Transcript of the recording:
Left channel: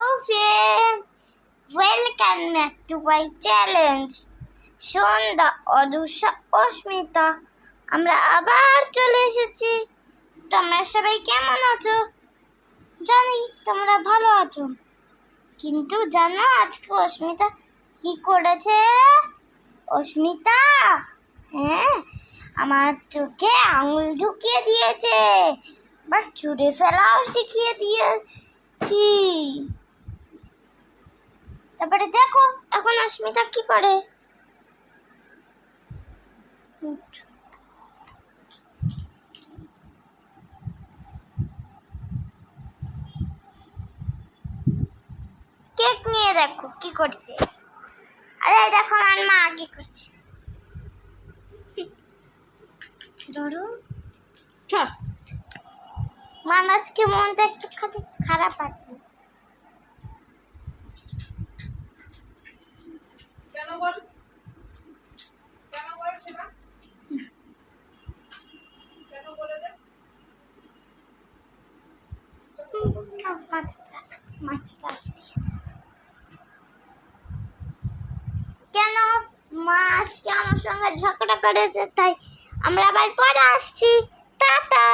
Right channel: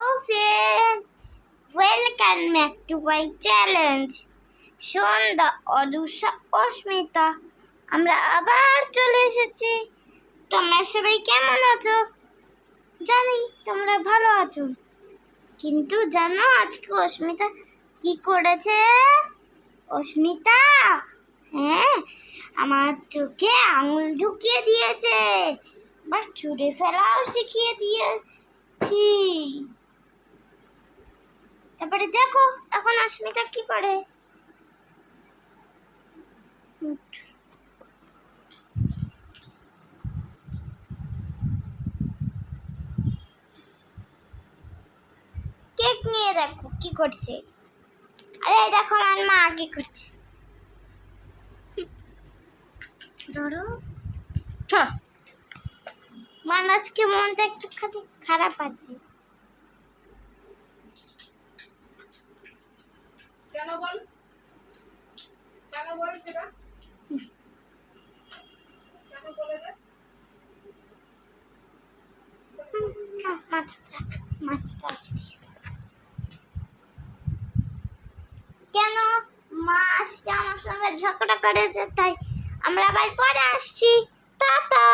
Hello friend, welcome back to my challenge. সন্ধ্যা অদুষা অস্মিতা আমরা আবার চলে এসেছি। তোমরা সবাই কেমন আছো? জানি তোমরা ভালো আছো, কিন্তু জানো আজকে অস্মিতা কি করেছে? অস্মিতা, হ্যাঁ, আমার চোখে আঙুল ঢুকিয়ে দিয়েছে, আবার ছুঁড়ে ফেলাও শিখিয়ে দিয়েছি। তারপরে দেখো এখন অস্মিতা কি করে। কেক নিয়ে দেখো কি করছে। আরে দেখো আমার মা কি করছে। ধরো মা আজকে মনটা একটু খারাপ আছে। কেন বল সেটা কেন বলে দে কেন মা আজকে আমার সঙ্গে ঝগড়া করেছে, তাই আমরা আবার পরে আসছি। টাটা।